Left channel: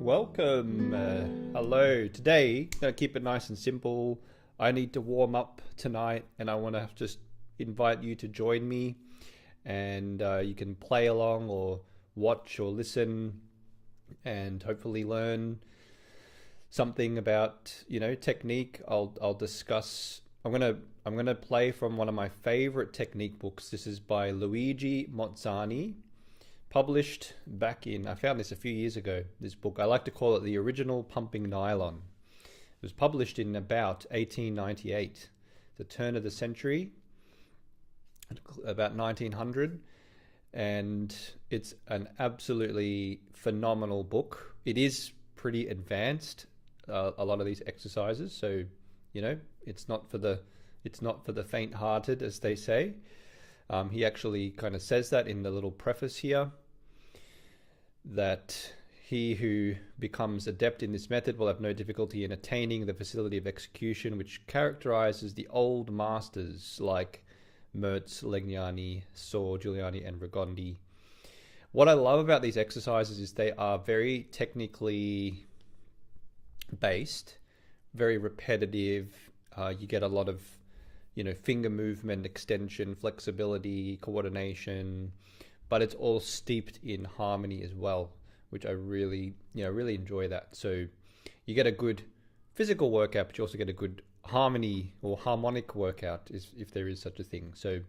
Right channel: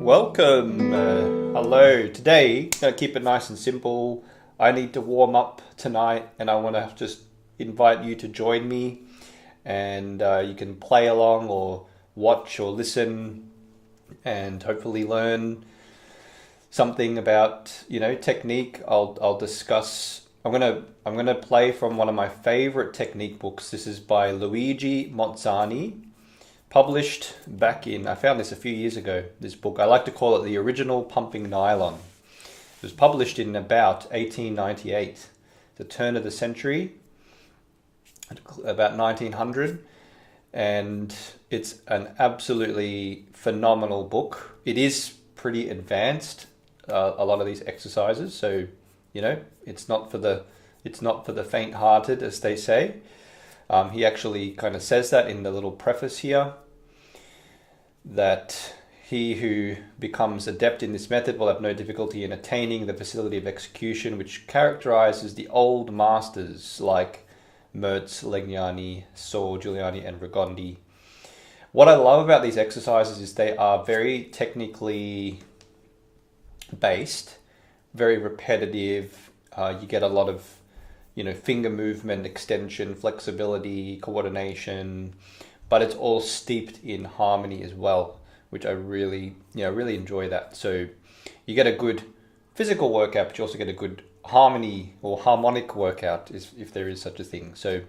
Welcome. Hello. Today, I'm going to keep it nice and simple. I need to warm up tonight and I want to just invite you to join me, and you can play along or watch or listen and hopefully learn something about, technique. I'll discuss. I'm gonna play from one of my favorite technique books. This is by Luigi Mozzani, published back in, I found this a few years ago, this book. I like to call it the original pumping nylon. It was published in about 1898, the turn of the century, about 1900, and it's an absolutely phenomenal book. It is pretty advanced, a lot of these exercises, so it's not for the faint-hearted, as they say. He actually kind of says that in the little preface here, that he who becomes adept in this method will have no difficulty in attaining the facility of execution which characterizes the old masters like Merz, Legnani, Saw, Giuliani, and Rigondi. What I love about these exercises is they are very technically based, very repetitive. You get a lot of finger movement, extension, flexibility, coordination, but it's all steeped in harmony as well, which I really enjoy that. So you get a good physical workout, but you also get a good harmony or harmonic workout, if there is such a thing. So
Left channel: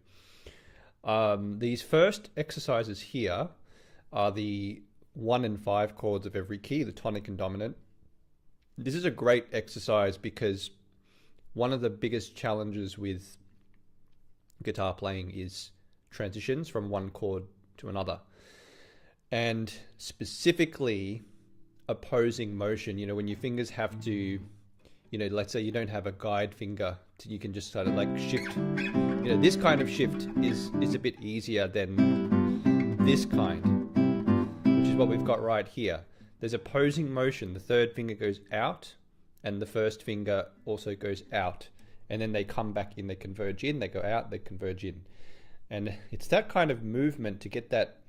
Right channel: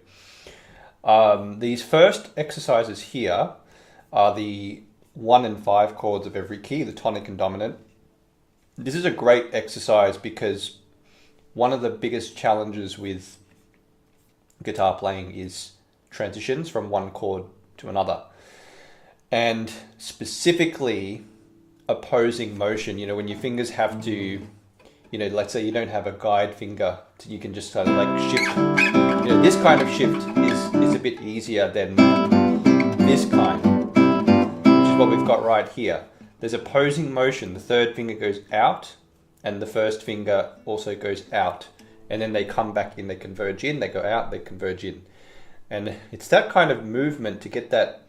these first exercises here are the 1 and 5 chords of every key, the tonic and dominant. This is a great exercise because one of the biggest challenges with guitar playing is transitions from one chord to another. And specifically opposing motion, when your fingers have to, let's say you don't have a guide finger, so you can just sort of like shift. This kind of shift is a bit easier than this kind, which is what we've got right here. There's opposing motion. The third finger goes out and the first finger also goes out, and then they come back in, they converge in, they go out, they converge in. And it's that kind of movement to get that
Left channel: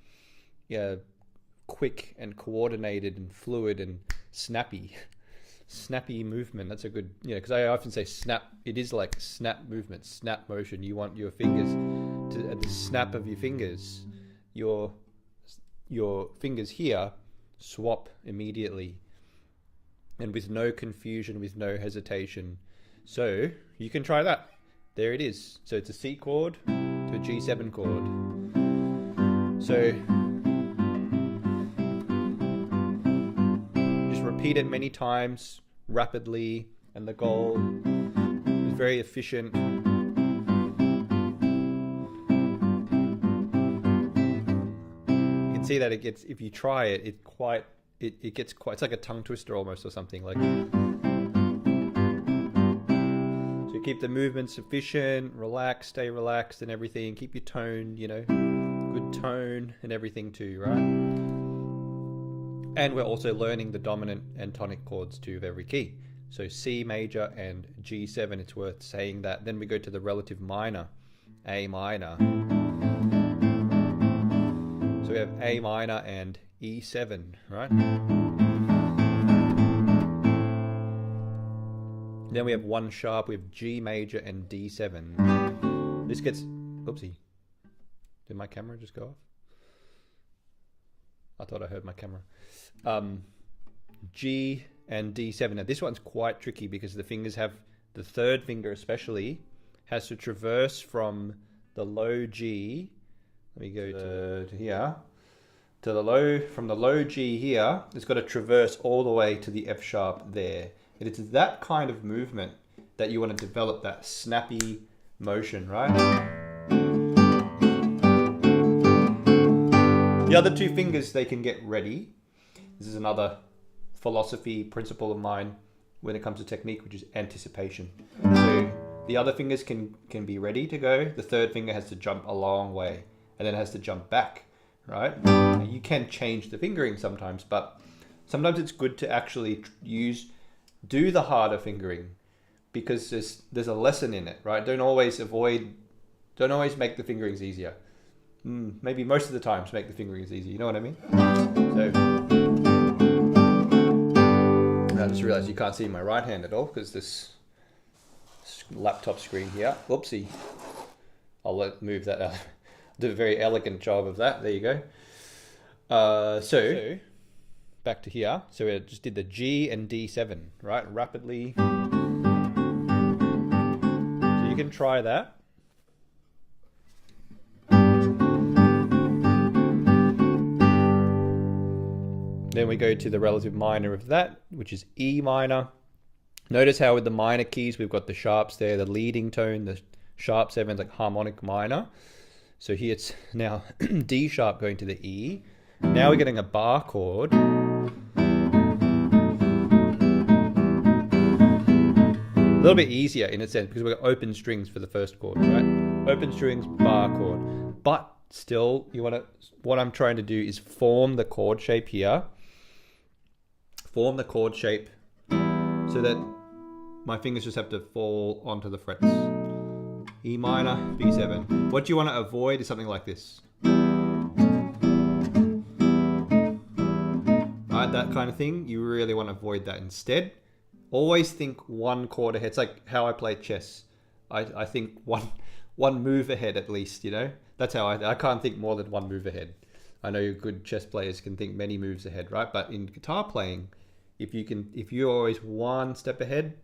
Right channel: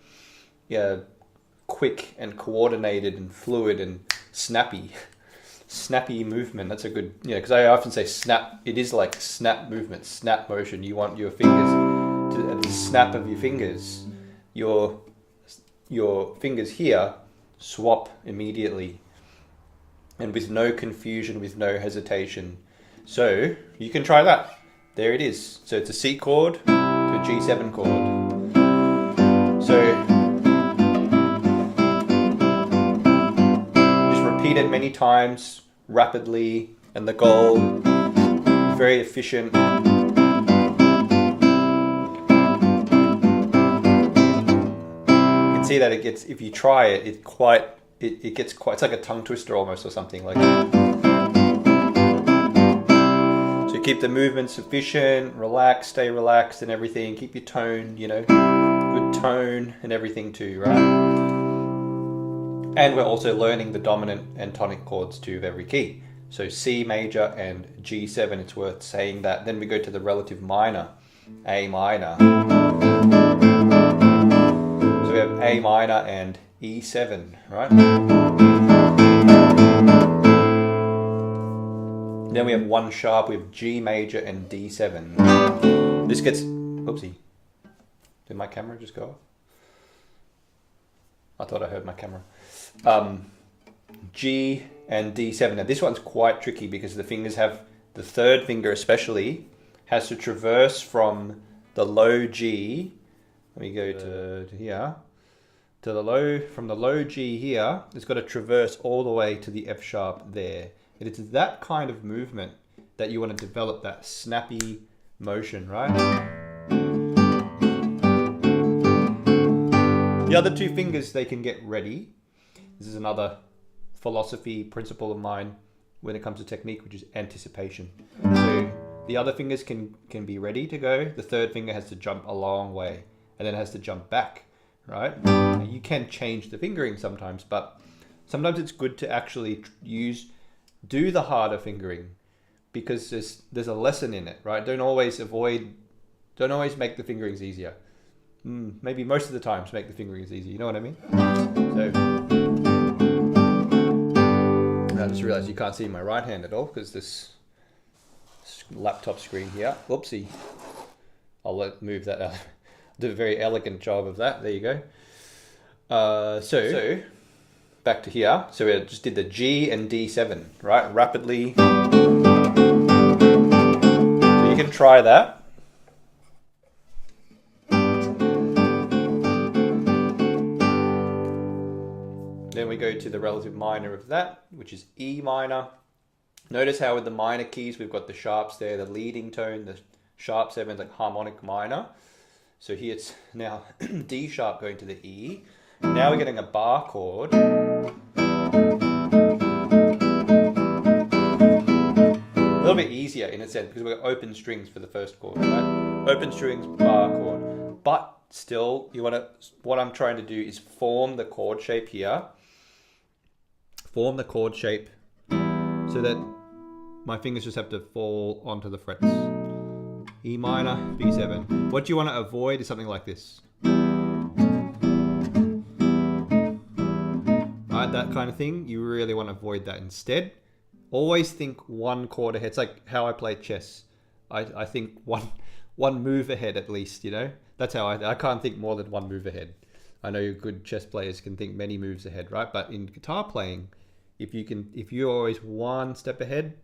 quick and coordinated and fluid and snappy movement. That's a good, because I often say snap. It is like snap movement, snap motion. You want your fingers to, at the snap of your fingers, your fingers here swap immediately and with no confusion, with no hesitation. So you can try that. There it is. So it's a C chord to a G7 chord. So just repeat it many times rapidly, and the goal is very efficient. You can see that it gets, if you try it, it gets quite, it's like a tongue twister almost, or something like that. So keep the movement sufficient, relax, stay relaxed and everything. Keep your tone, good tone and everything too, right? And we're also learning the dominant and tonic chords too of every key. So C major and G7, it's worth saying that. Then we go to the relative minor, A minor. So we have A minor and E7, right? Then we have 1 sharp, we have G major and D7. This gets, oopsie, did my camera just go off? I thought I heard my camera. G and D7. Now this one's quite tricky because the fingers have, the third finger especially, has to traverse from the low G, let me go to here, to the low, from the low G here, it's got to traverse all the way to the F sharp there. And it's that kind of movement that you want to develop, that snappy motion, right? The other 2 fingers, they can get ready. This is another philosophy, principle of mine when it comes to technique, which is anticipation. So the other fingers can be ready to go. The third finger has to jump a long way and then it has to jump back, right? Now, you can change the fingering sometimes, but sometimes it's good to actually do the harder fingering because there's a lesson in it, right? Don't always make the fingerings easier. maybe most of the time to make the fingering is easy. You know what I mean? So I just realized you can't see my right hand at all because this laptop screen here. Whoopsie. I'll move that out. Do a very elegant job of that. There you go. So back to here. So we just did the G and D7, right? Rapidly. So you can try that. Then we go to the relative minor of that, which is E minor. Notice how with the minor keys, we've got the sharps there, the leading tone, the sharp 7, like harmonic minor. So here it's now D sharp going to the E. Now we're getting a bar chord. A little bit easier in a sense because we've got open strings for the first chord, right? Open strings, bar chord. But still, what I'm trying to do is form the chord shape here. Form the chord shape so that my fingers just have to fall onto the frets. E minor, B7. What you want to avoid is something like this. Right, that kind of thing. You really want to avoid that. Instead, always think one chord ahead. It's like how I play chess. I think one move ahead at least, you know? That's how I can't think more than one move ahead. I know good chess players can think many moves ahead, right? But in guitar playing, if you're always one step ahead,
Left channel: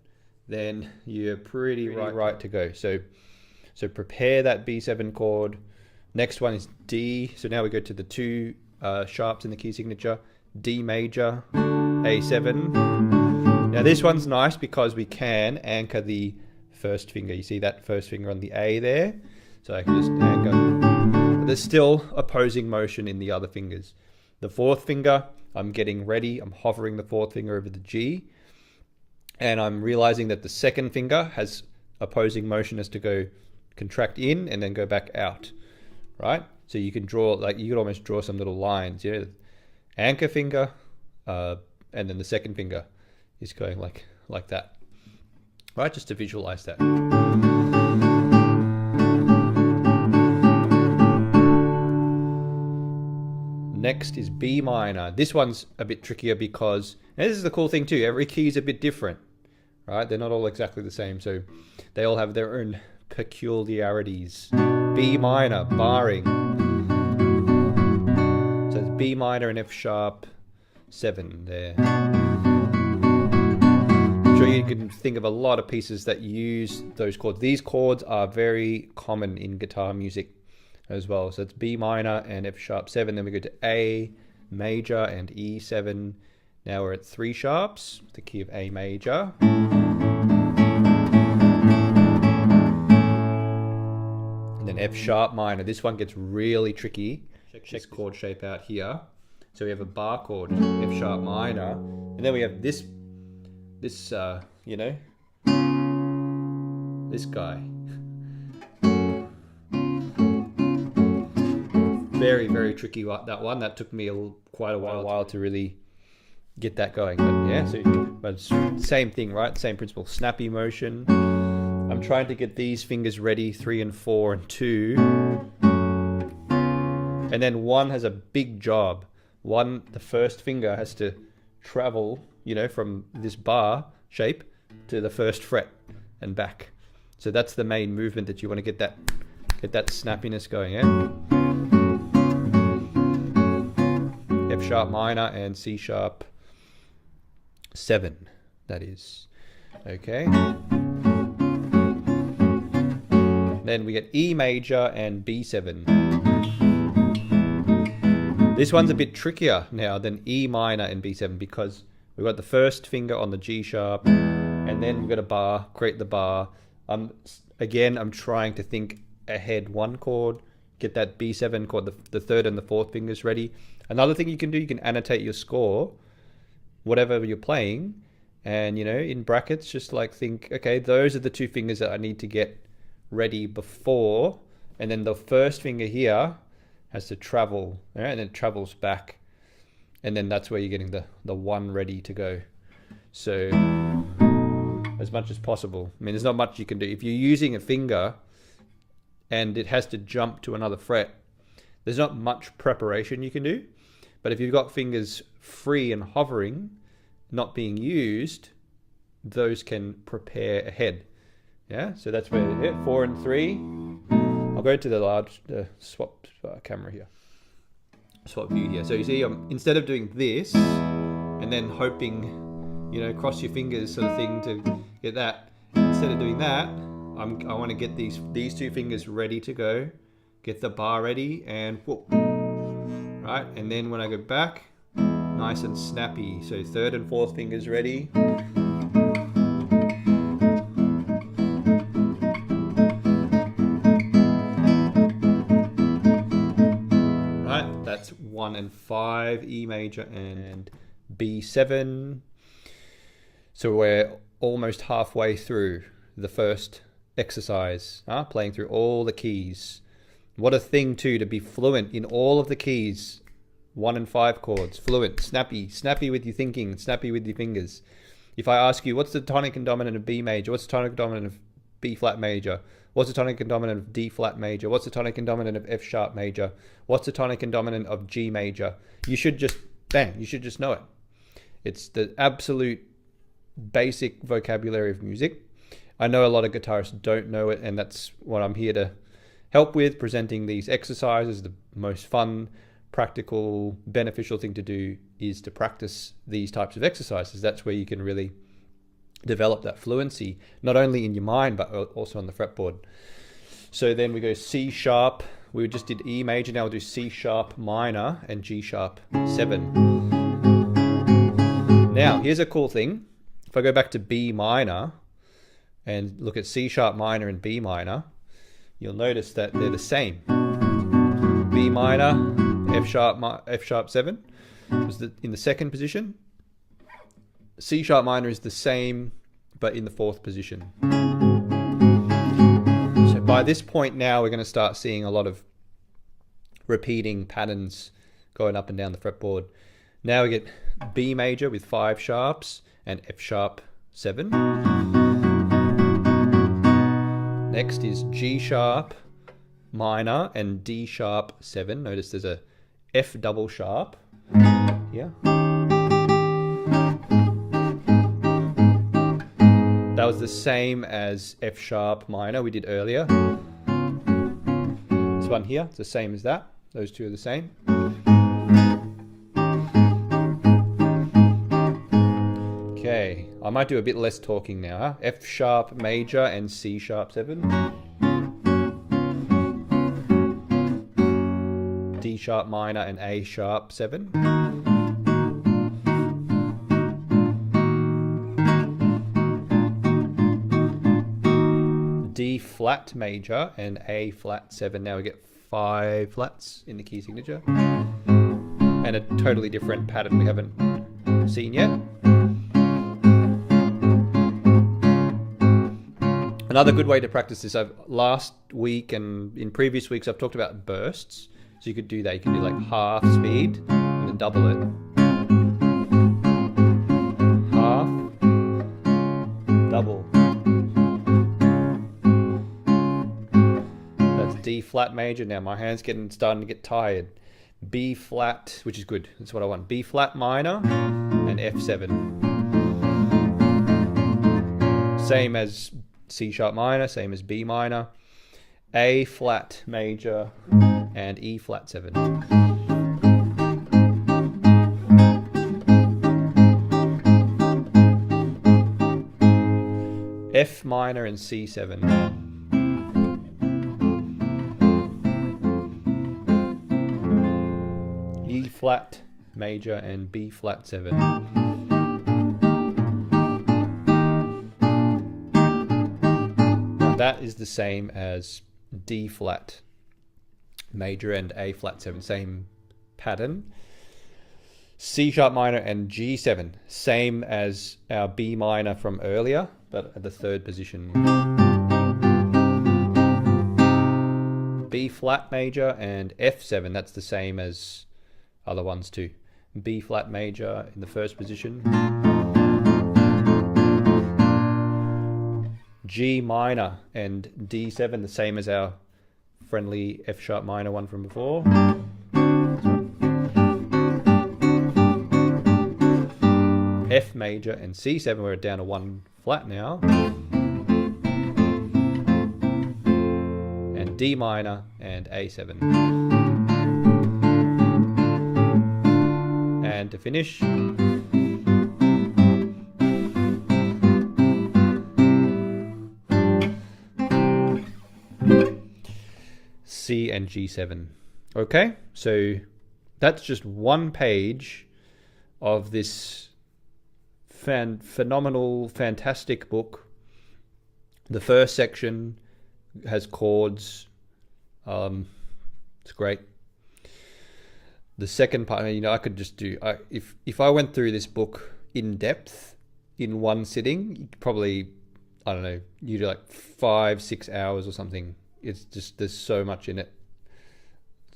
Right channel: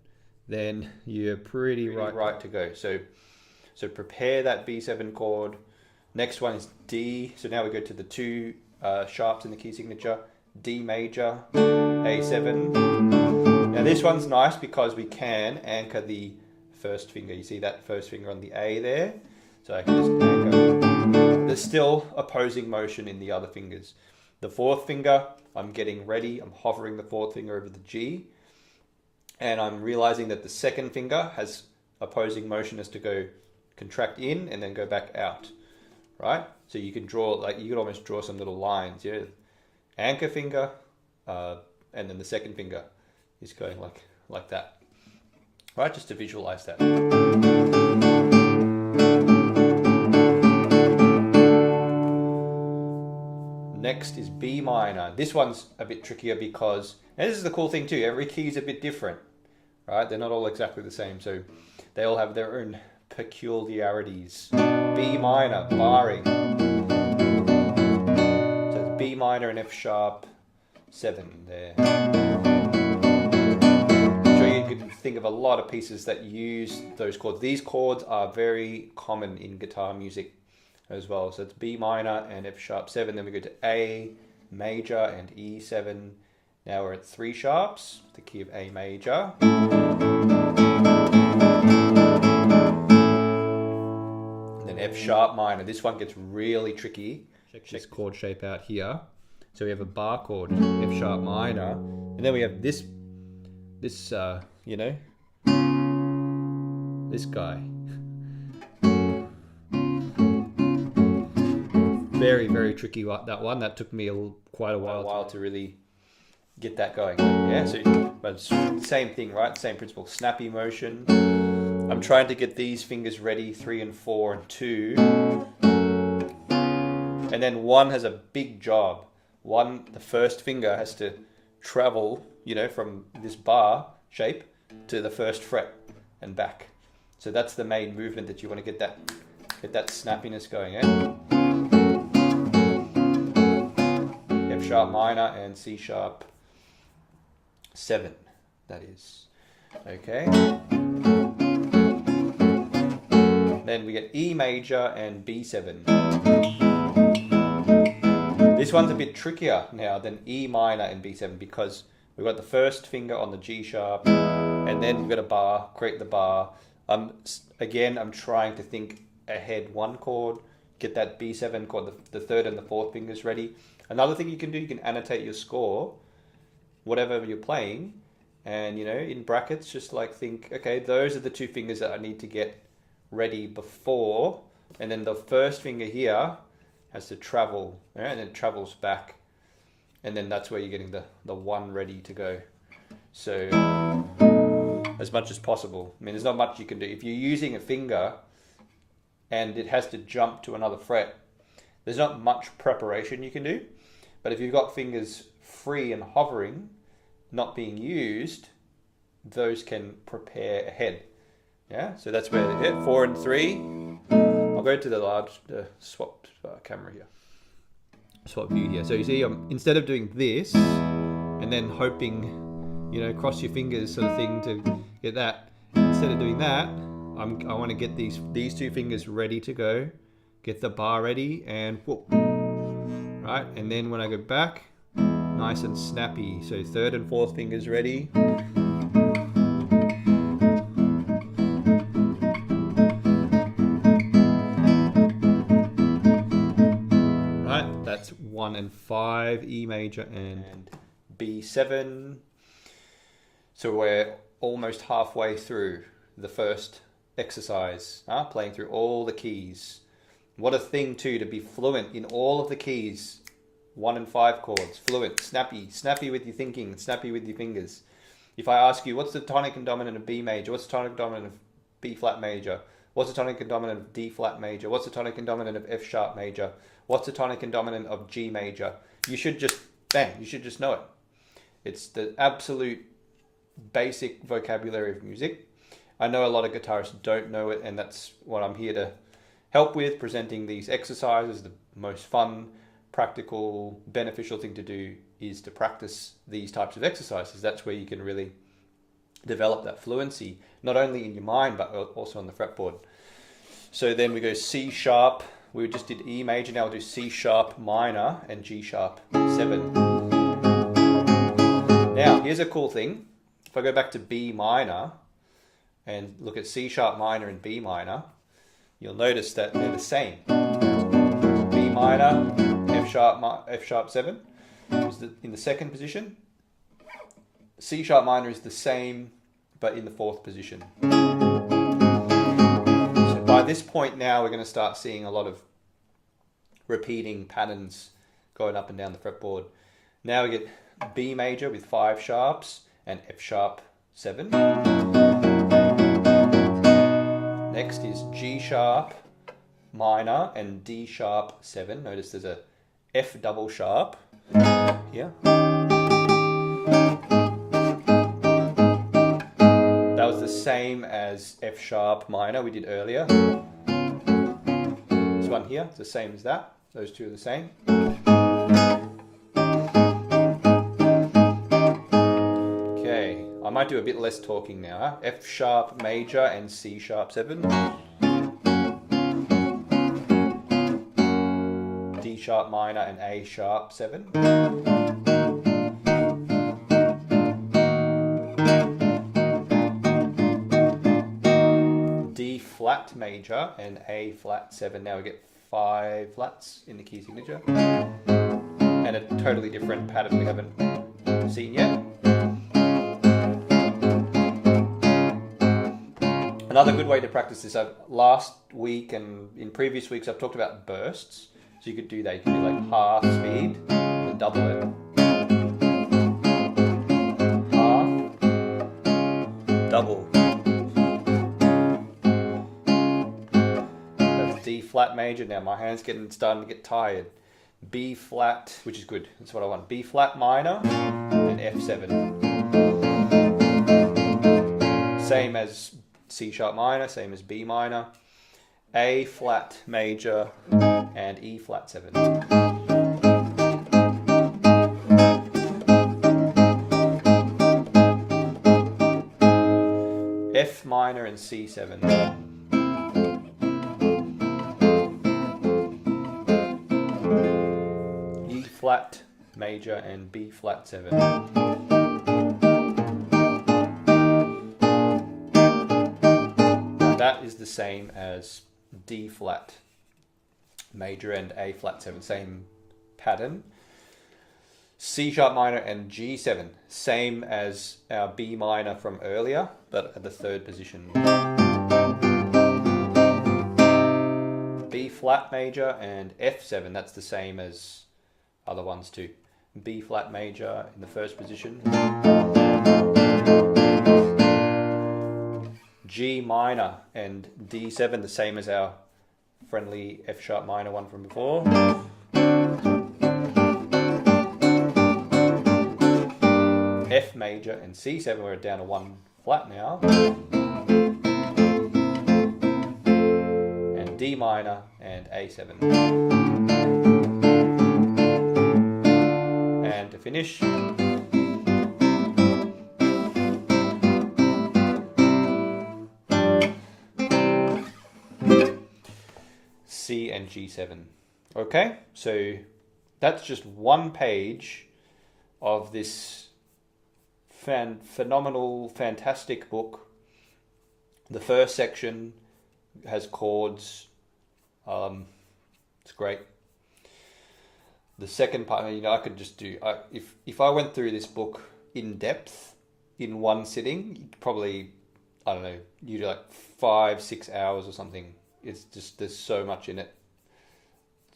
then you're pretty right to go. So prepare that B7 chord. Next one is D. So now we go to the two sharps in the key signature. D major, A7. Now this one's nice because we can anchor the first finger. You see that first finger on the A there? So I can just anchor. There's still opposing motion in the other fingers. The fourth finger, I'm getting ready. I'm hovering the fourth finger over the G. And I'm realizing that the second finger has opposing motion as to go contract in and then go back out, right? So you can draw, like you could almost draw some little lines, yeah? Anchor finger, and then the second finger is going like that, right? Just to visualize that. Next is B minor. This one's a bit trickier because, now this is the cool thing too, every key is a bit different, right? They're not all exactly the same, so they all have their own peculiarities. B minor, barring. So it's B minor and F sharp 7 there. I'm sure you can think of a lot of pieces that use those chords. These chords are very common in guitar music as well. So it's B minor and F sharp 7. Then we go to A major and E7. Now we're at 3 sharps, the key of A major. And then F sharp minor. This one gets really tricky. Check this chord shape out here. So we have a bar chord, F sharp minor, and then we have this you know, this guy. Very, very tricky, that one. That took me quite a while to really get that going. But yeah, but same thing, right? Same principle. Snappy motion. I'm trying to get these fingers ready, 3 and 4 and 2. And then 1 has a big job. The first finger has to travel, you know, from this bar shape to the first fret and back. So that's the main movement that you want to get that snappiness going, yeah? F sharp minor and C sharp 7, that is. Okay. Then we get E major and B7. This one's a bit trickier now than E minor and B7 because we've got the first finger on the G sharp and then we've got a bar, create the bar. Again, I'm trying to think ahead one chord, get that B7 chord, the third and the fourth fingers ready. Another thing you can do, you can annotate your score, whatever you're playing, and you know, in brackets, just like think, okay, those are the 2 fingers that I need to get ready before, and then the first finger here has to travel, right? And it travels back, and then that's where you're getting the 1 ready to go. So as much as possible. I mean, there's not much you can do. If you're using a finger and it has to jump to another fret, There's not much preparation you can do, but if you've got fingers free and hovering, not being used, those can prepare ahead. Yeah, so that's where 4 and 3. I'll go to the swap camera here, swap view here. So you see, instead of doing this and then hoping, cross your fingers sort of thing to get that, instead of doing that, I want to get these 2 fingers ready to go, get the bar ready, and whoop, right? And then when I go back, nice and snappy. So 3rd and 4th fingers ready. Right, that's 1 and 5, E major and B7. So we're almost halfway through the first exercise, playing through all the keys. What a thing too, to be fluent in all of the keys. 1 and 5 chords, fluent, snappy with your thinking, snappy with your fingers. If I ask you, what's the tonic and dominant of B major? What's the tonic and dominant of B flat major? What's the tonic and dominant of D flat major? What's the tonic and dominant of F sharp major? What's the tonic and dominant of G major? You should just, you should just know it. It's the absolute basic vocabulary of music. I know a lot of guitarists don't know it, and that's what I'm here to help with, presenting these exercises. The most fun, practical, beneficial thing to do is to practice these types of exercises. That's where you can really develop that fluency, not only in your mind, but also on the fretboard. So then we go C sharp. We just did E major. Now we'll do C sharp minor and G sharp 7. Now, here's a cool thing. If I go back to B minor and look at C sharp minor and B minor, you'll notice that they're the same. B minor, F sharp 7 is in the 2nd position. C sharp minor is the same, but in the 4th position. So by this point now, we're going to start seeing a lot of repeating patterns going up and down the fretboard. Now we get B major with 5 sharps and F sharp 7. Next is G sharp minor and D sharp 7. Notice there's a F double sharp here. That was the same as F sharp minor we did earlier. This one here, it's the same as that. Those two are the same. Okay, I might do a bit less talking now, F sharp major and C sharp 7. D sharp minor and A sharp 7. D flat major and A flat 7. Now we get 5 flats in the key signature. And a totally different pattern we haven't seen yet. Another good way to practice this, last week and in previous weeks I've talked about bursts. So you could do that. You can do like half speed and then double it. Half, double. That's D flat major. Now my hand's starting to get tired. B flat, which is good. That's what I want. B flat minor and F7. Same as C sharp minor, same as B minor. A flat major and E flat 7. F minor and C7. E flat major and B flat 7. Now that is the same as D flat major and A flat 7, same pattern. C sharp minor and G7, same as our B minor from earlier, but at the 3rd position. B flat major and F7, that's the same as other ones too. B flat major in the 1st position. G minor and D7, the same as our friendly F sharp minor one from before. F major and C7, we're down to 1 flat now. And D minor and A7. And to finish, C and G7. Okay, so that's just one page of this phenomenal, fantastic book. The first section has chords. It's great. The second part, I could just do, if I went through this book in depth in one sitting, probably, I don't know, you do like 5-6 hours or something. It's just, there's so much in it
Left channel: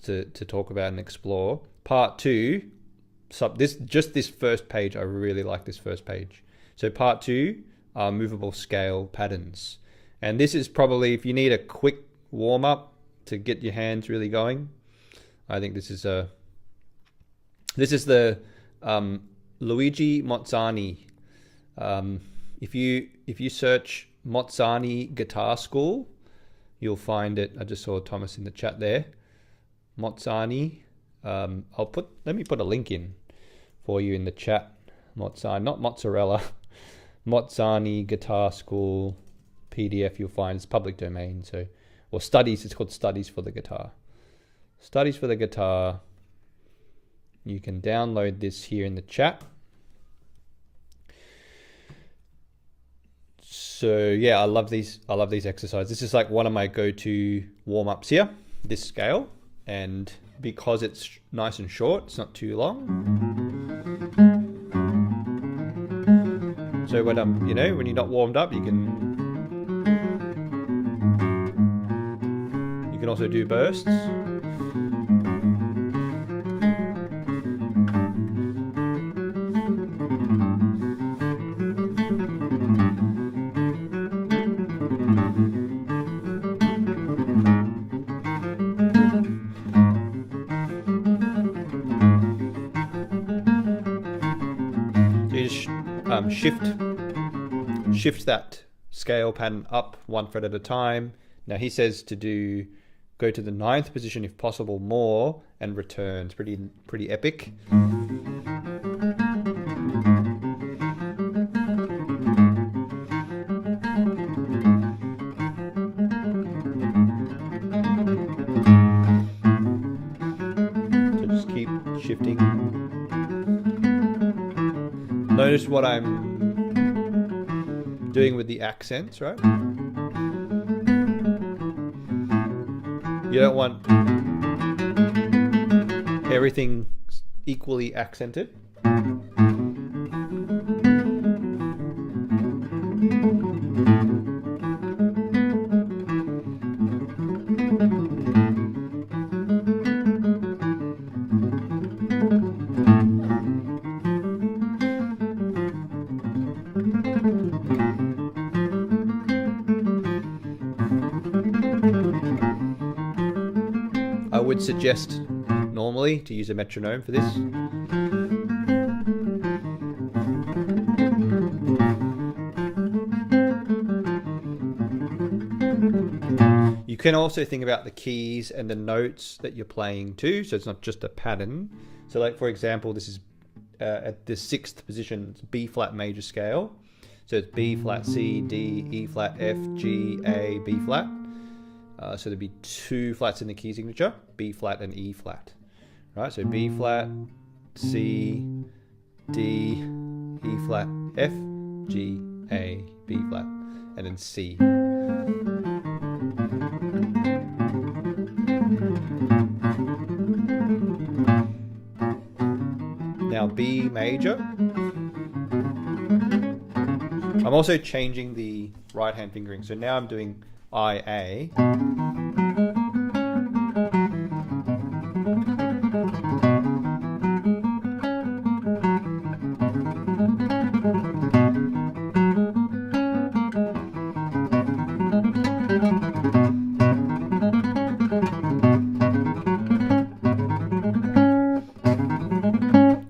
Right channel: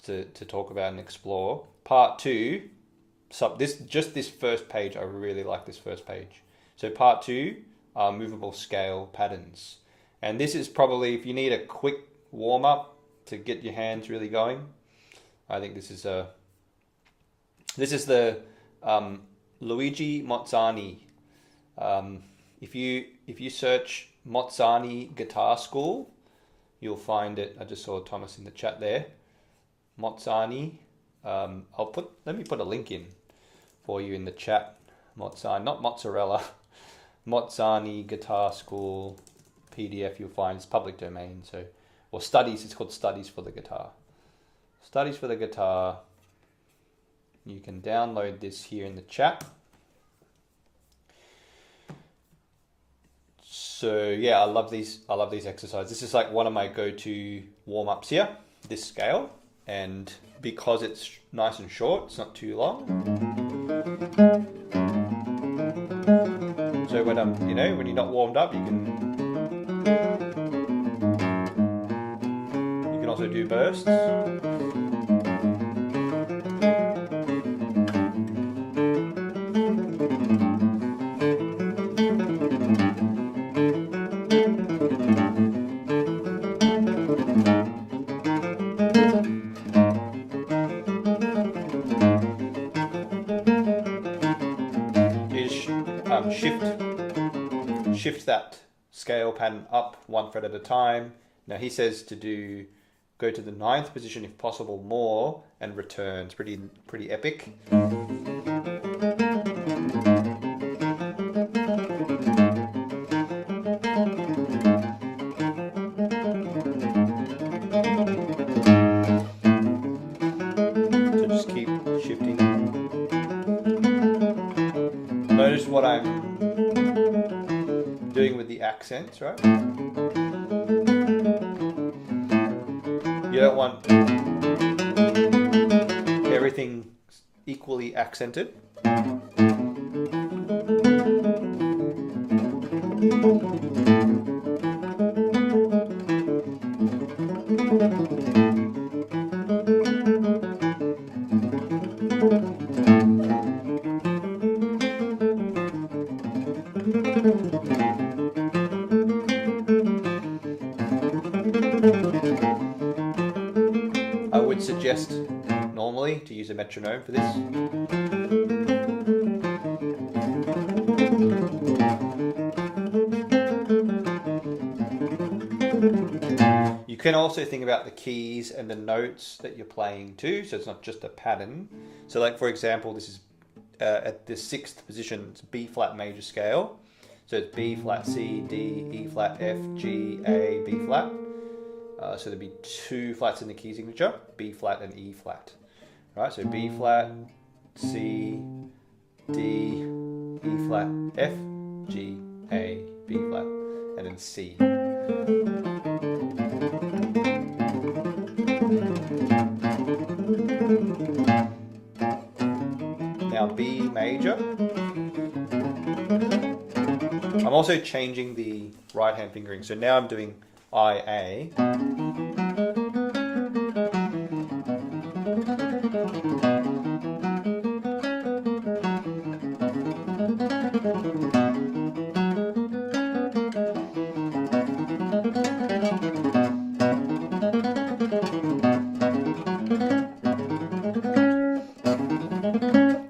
to talk about and explore. Part 2, this first page, I really like this first page. So part 2 are movable scale patterns. And this is probably, if you need a quick warm up to get your hands really going, I think this is the Luigi Mozzani. If you search Mozzani Guitar School, you'll find it. I just saw Thomas in the chat there. Mozzani. Let me put a link in for you in the chat. Mozzani, not mozzarella. Mozzani Guitar School PDF. You'll find it's public domain. Or studies. It's called Studies for the Guitar. Studies for the Guitar. You can download this here in the chat. So yeah, I love these exercises. This is like one of my go-to warm-ups here, this scale. And because it's nice and short, it's not too long. So when when you're not warmed up, you can also do bursts. Shift that scale pattern up 1 fret at a time. Now he says to go to the 9th position if possible more and return. It's pretty epic. So just keep shifting. Notice what I'm doing with the accents, right? You don't want everything equally accented. Suggest normally to use a metronome for this. You can also think about the keys and the notes that you're playing too, so it's not just a pattern. So like for example, this is at the 6th position, it's B flat major scale. So it's B flat, C, D, E flat, F, G, A, B flat. So there'd be 2 flats in the key signature, B flat and E flat. Right, so B flat, C, D, E flat, F, G, A, B flat, and then C. Now B major. I'm also changing the right hand fingering. So now I'm doing IA.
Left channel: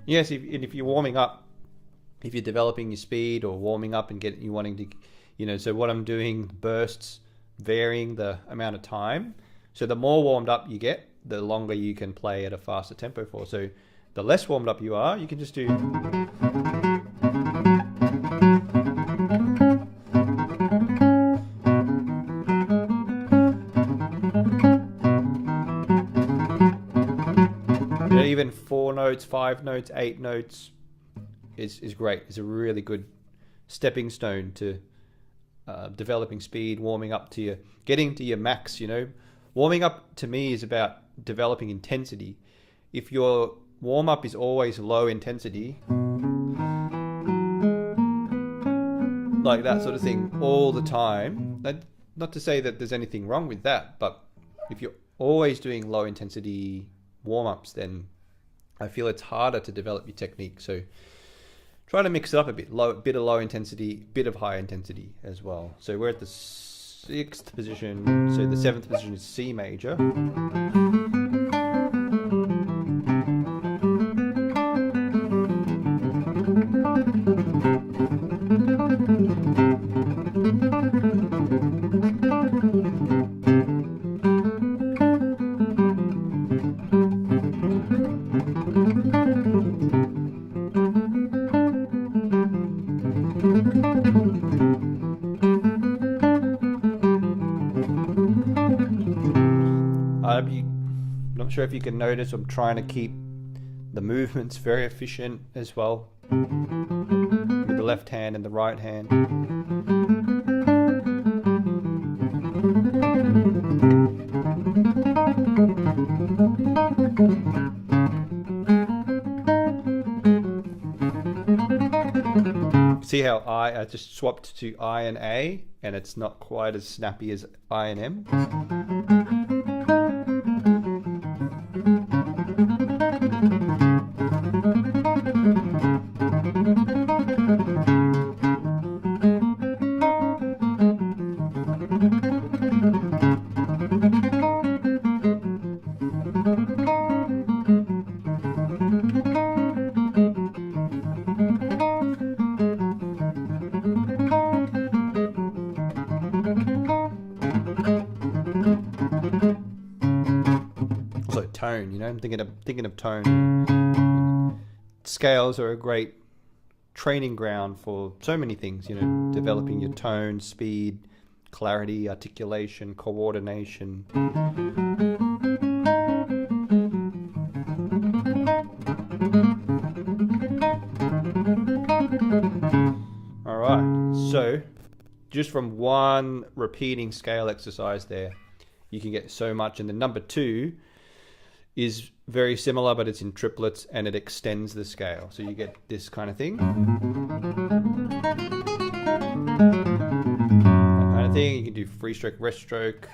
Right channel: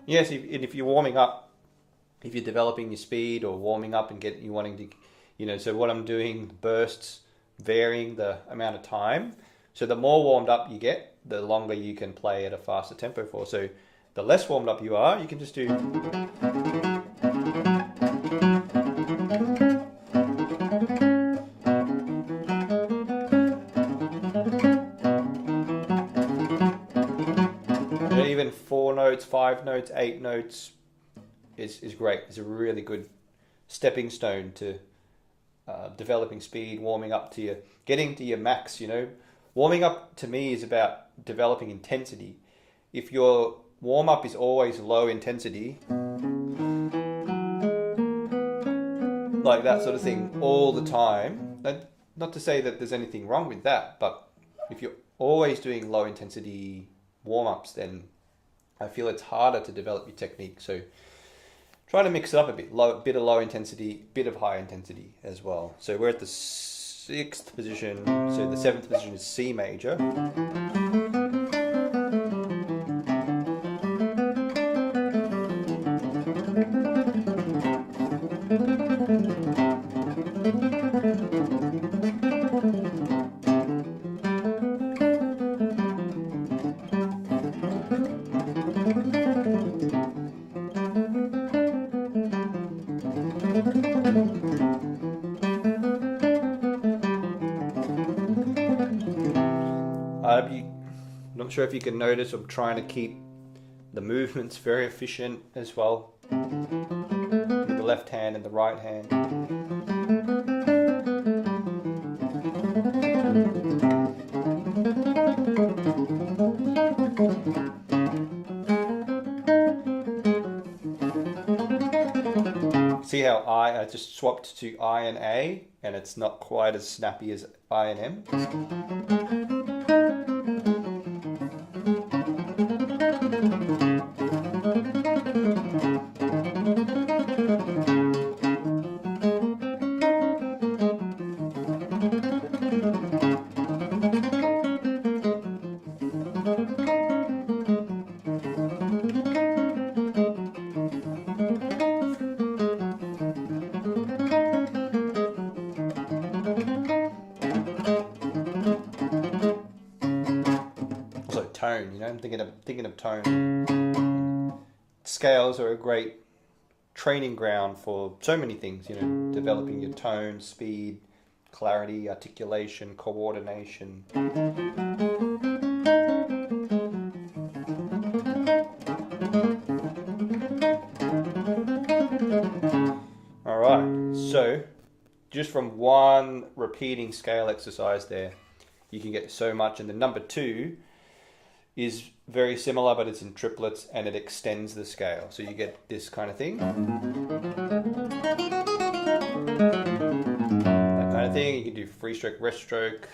Yes, and if you're warming up, if you're developing your speed or warming up and you wanting to, so what I'm doing, bursts, varying the amount of time. So the more warmed up you get, the longer you can play at a faster tempo for. So the less warmed up you are, you can just do. Even 4 notes, 5 notes, 8 notes is great. It's a really good stepping stone to developing speed, warming up to getting to your max. Warming up to me is about developing intensity. If your warm up is always low intensity, like that sort of thing all the time, not to say that there's anything wrong with that, but if you're always doing low intensity warm ups, then I feel it's harder to develop your technique. So try to mix it up a bit. Bit of low intensity, bit of high intensity as well. So we're at the 6th position. So the 7th position is C major. Not sure if you can notice, I'm trying to keep the movements very efficient as well, with the left hand and the right hand. See how I just swapped to I and A, and it's not quite as snappy as I and M. Tone, I'm thinking of tone. Scales are a great training ground for so many things, developing your tone, speed, clarity, articulation, coordination. All right, so just from one repeating scale exercise there, you can get so much. And the number 2 is very similar, but it's in triplets and it extends the scale. So you get this kind of thing. That kind of thing. You can do free stroke, rest stroke.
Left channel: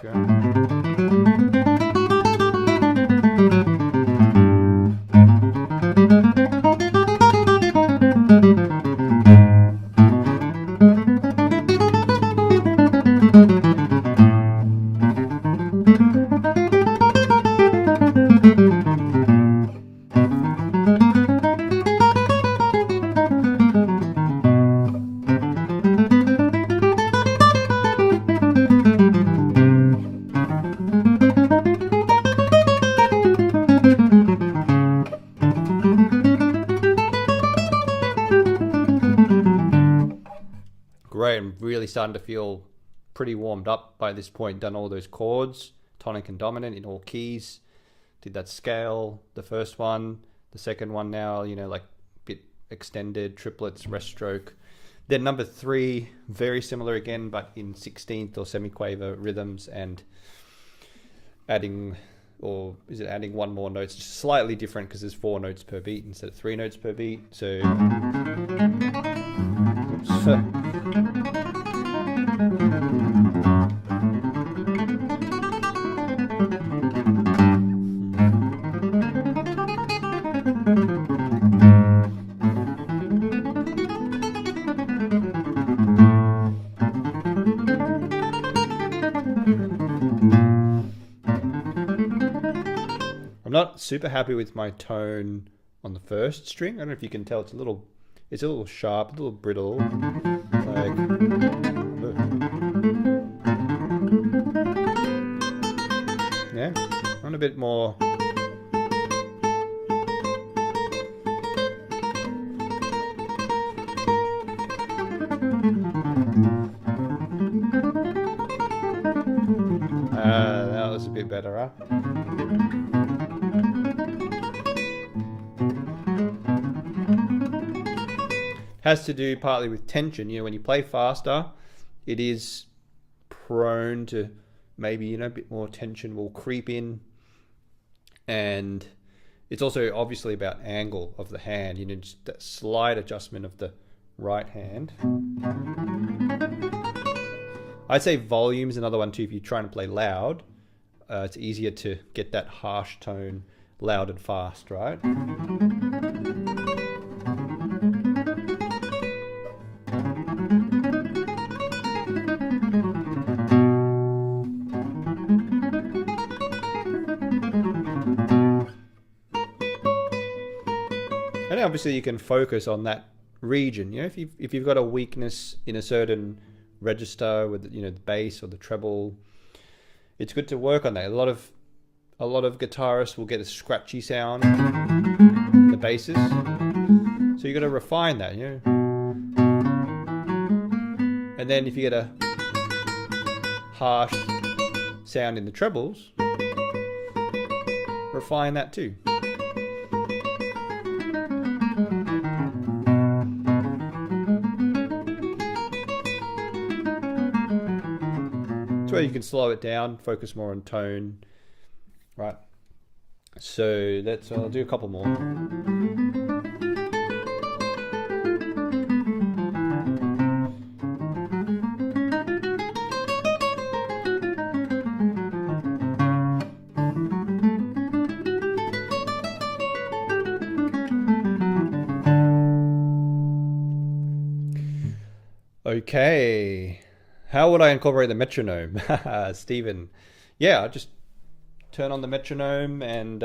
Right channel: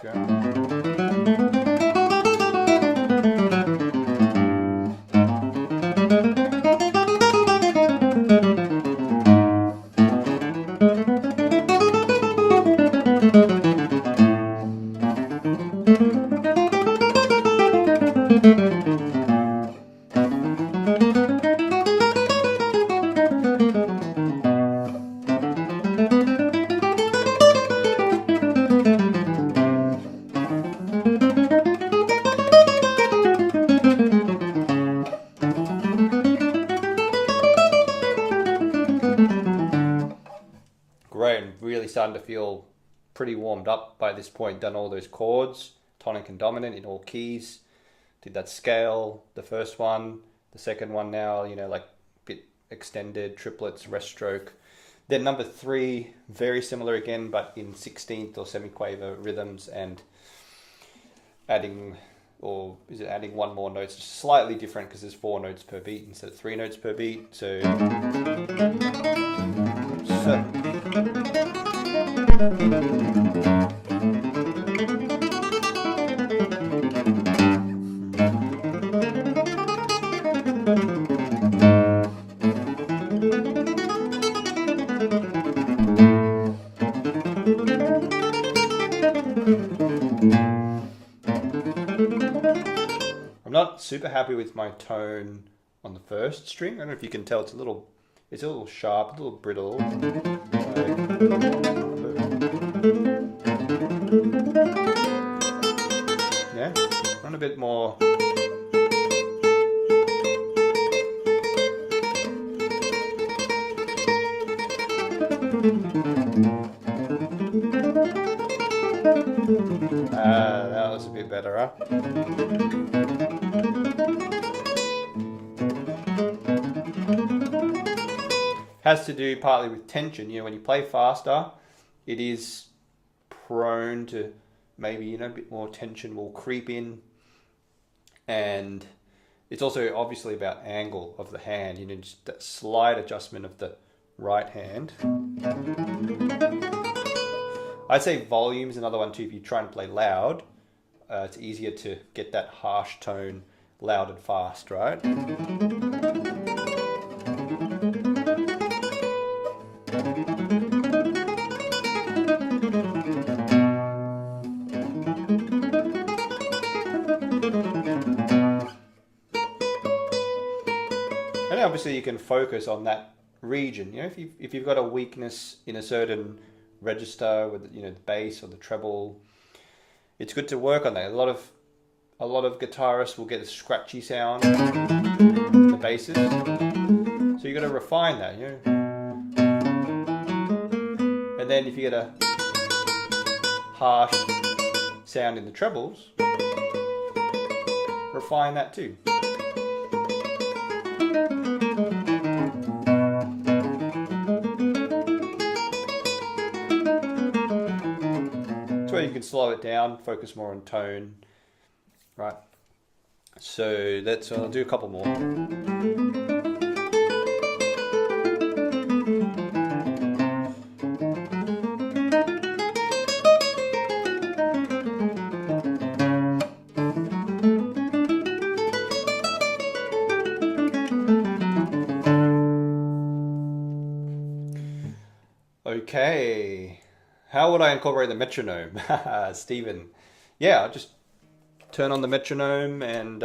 Great, I'm really starting to feel pretty warmed up by this point. Done all those chords, tonic and dominant in all keys. Did that scale, the first one, the second one now, like bit extended, triplets, rest stroke. Then number 3, very similar again, but in 16th or semiquaver rhythms, and adding one more note? It's just slightly different because there's 4 notes per beat instead of 3 notes per beat. So I'm not super happy with my tone on the first string. I don't know if you can tell, it's a little sharp, a little brittle. Yeah, run a bit more. That was a bit better, huh? Has to do partly with tension. You know, when you play faster, it is prone to maybe, you know, a bit more tension will creep in. And it's also obviously about angle of the hand, you know, just that slight adjustment of the right hand. I'd say volume's another one too. If you try and play loud, it's easier to get that harsh tone loud and fast, right? And obviously you can focus on that region. You know, if you've got a weakness in a certain register with, you know, the bass or the treble, it's good to work on that. A lot of guitarists will get a scratchy sound in the basses, so you got to refine that, you know. And then if you get a harsh sound in the trebles, refine that too. Where you can slow it down, focus more on tone, right? So I'll do a couple more. Okay. How would I incorporate the metronome? Stephen. Yeah, I'll just turn on the metronome and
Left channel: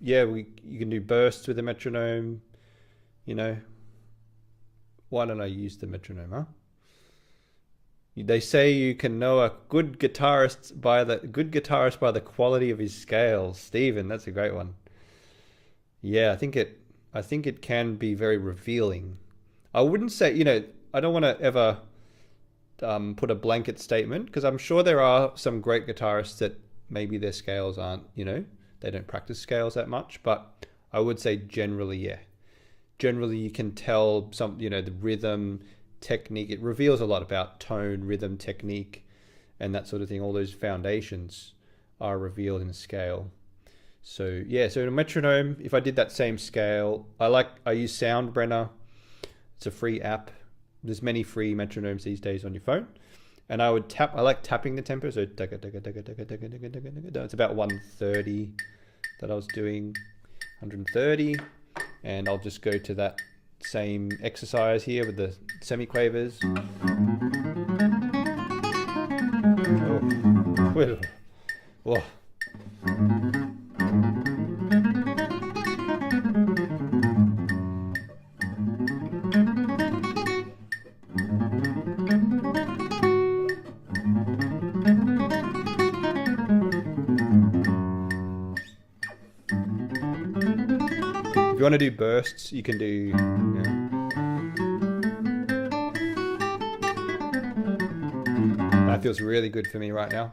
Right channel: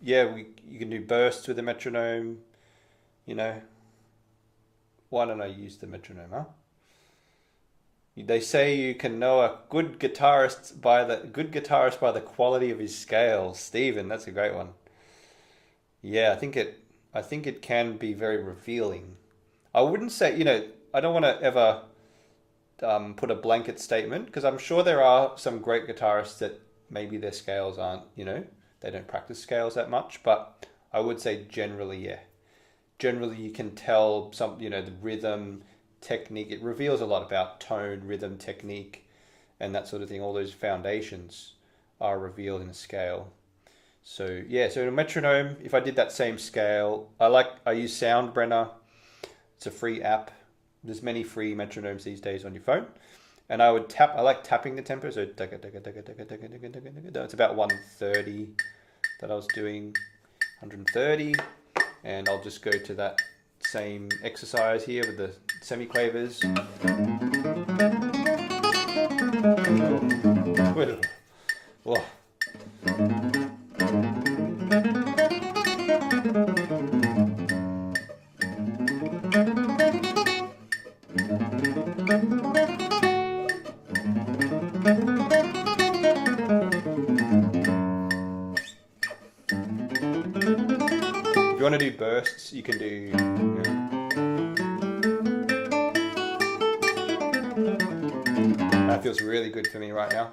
you can do bursts with the metronome. You know, why don't I use the metronome, huh? They say you can know a good guitarist by the quality of his scales. Stephen, that's a great one. Yeah, I think it can be very revealing. I wouldn't say, you know, I don't want to ever put a blanket statement, because I'm sure there are some great guitarists that maybe their scales aren't, you know, they don't practice scales that much, but I would say generally, yeah. Generally you can tell some, you know, the rhythm, technique, it reveals a lot about tone, rhythm, technique, and that sort of thing. All those foundations are revealed in a scale. So yeah, so in a metronome, if I did that same scale, I use Soundbrenner. It's a free app. There's many free metronomes these days on your phone. And I would tap, I like tapping the tempo. So it's about 130 that I was doing, 130. And I'll just go to that same exercise here with the semiquavers. Whoa. If you want to do bursts, you can do. That feels really good for me right now.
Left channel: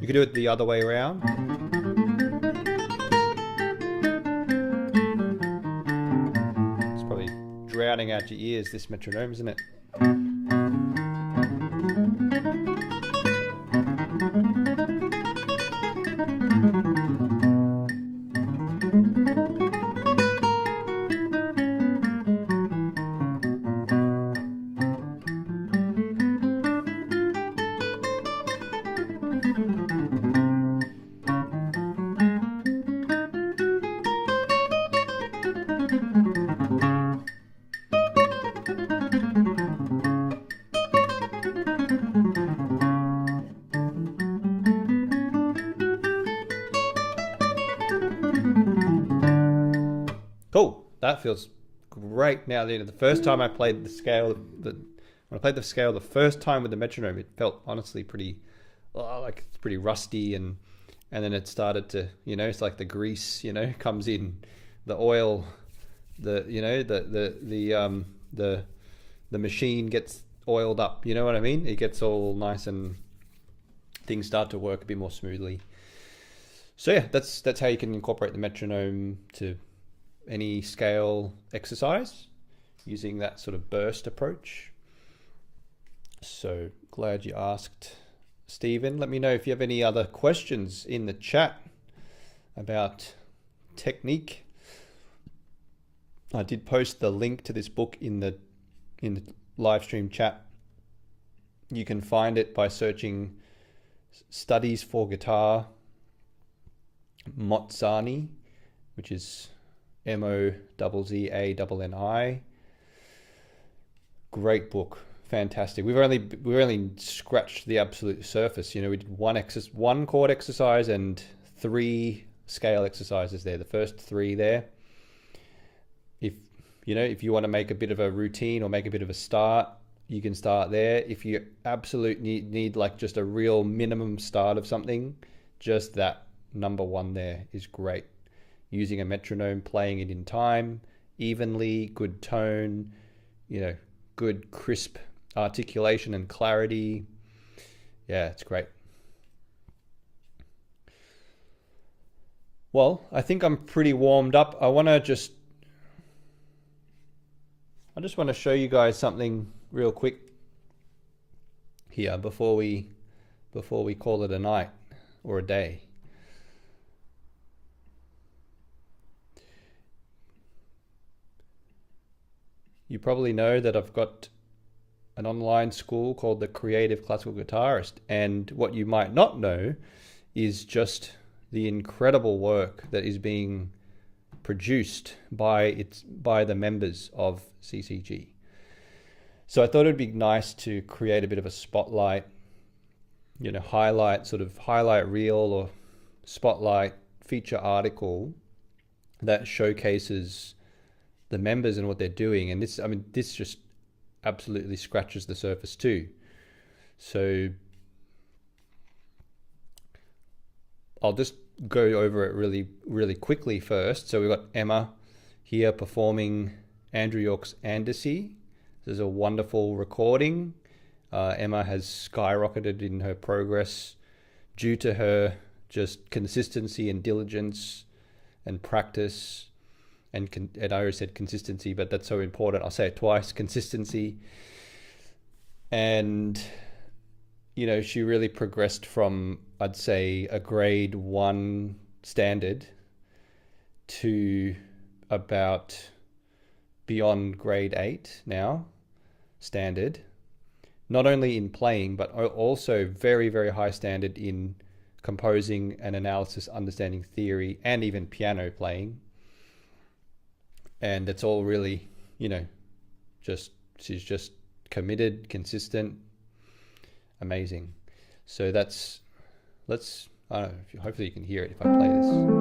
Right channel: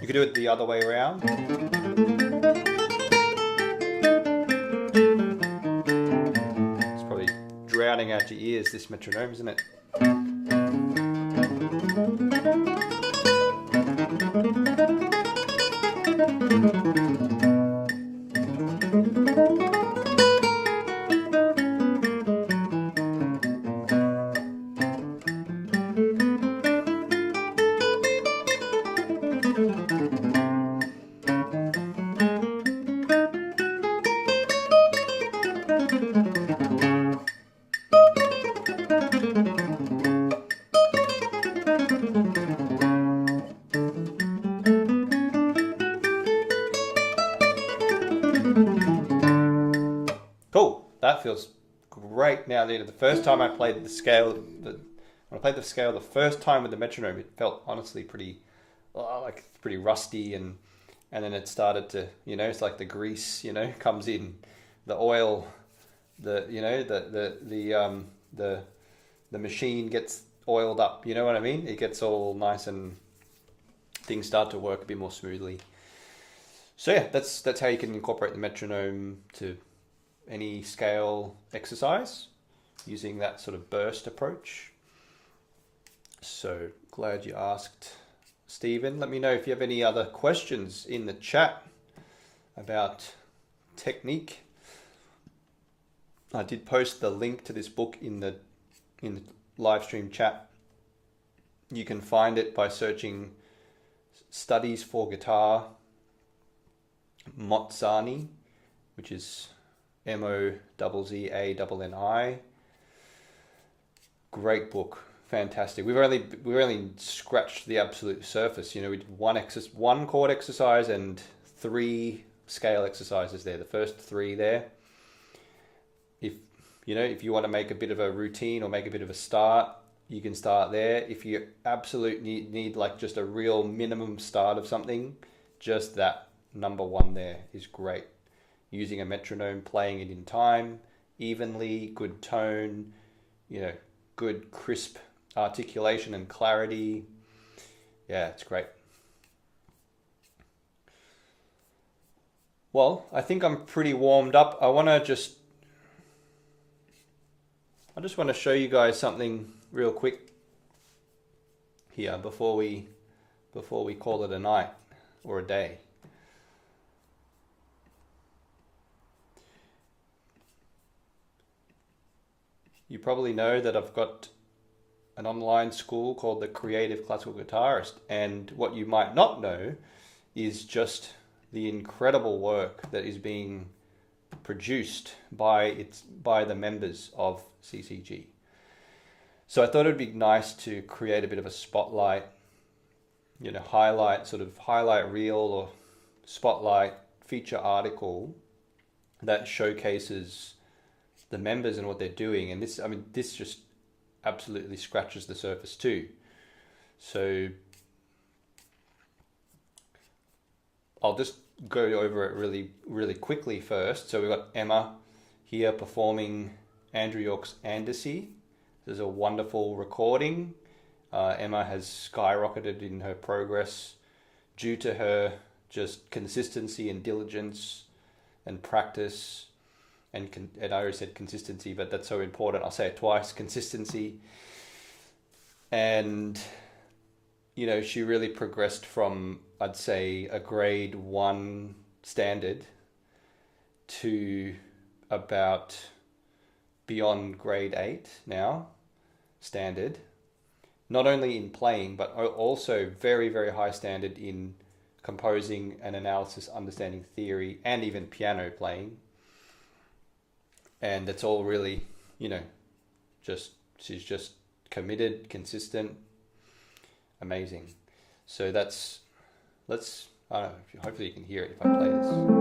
You could do it the other way around. Drowning out your ears, this metronome, isn't it? Cool. That feels great now. The first time I played the scale, when I played the scale the first time with the metronome, it felt honestly pretty, like it's pretty rusty, and then it started to, it's like the grease, comes in, the oil, the machine gets oiled up. You know what I mean? It gets all nice and things start to work a bit more smoothly. So yeah, that's how you can incorporate the metronome to any scale exercise using that sort of burst approach. So glad you asked, Stephen. Let me know if you have any other questions in the chat about technique. I did post the link to this book in the live stream chat. You can find it by searching Studies for Guitar Mozzani, which is Mozzani. Great book, fantastic. We've only scratched the absolute surface. We did one chord exercise and 3 scale exercises there. The first 3 there. If you want to make a bit of a routine or make a bit of a start, you can start there. If you absolutely need like just a real minimum start of something, just that number 1 there is great. Using a metronome, playing it in time, evenly, good tone, good crisp articulation and clarity. Yeah, it's great. Well, I think I'm pretty warmed up. I just want to show you guys something real quick here before we call it a night or a day. You probably know that I've got an online school called the Creative Classical Guitarist, and what you might not know is just the incredible work that is being produced by the members of CCG. So I thought it'd be nice to create a bit of a spotlight, highlight reel or spotlight feature article that showcases the members and what they're doing. And this just absolutely scratches the surface too. So I'll just go over it really, really quickly first. So we've got Emma here performing Andrew York's Andecy. This is a wonderful recording. Emma has skyrocketed in her progress due to her just consistency and diligence and practice. And I already said consistency, but that's so important. I'll say it twice, consistency. And, she really progressed from, I'd say, a grade 1 standard to about beyond grade 8 now, standard. Not only in playing, but also very, very high standard in composing and analysis, understanding theory, and even piano playing. And that's all really, she's just committed, consistent, amazing. So I don't know, hopefully you can hear it if I play this.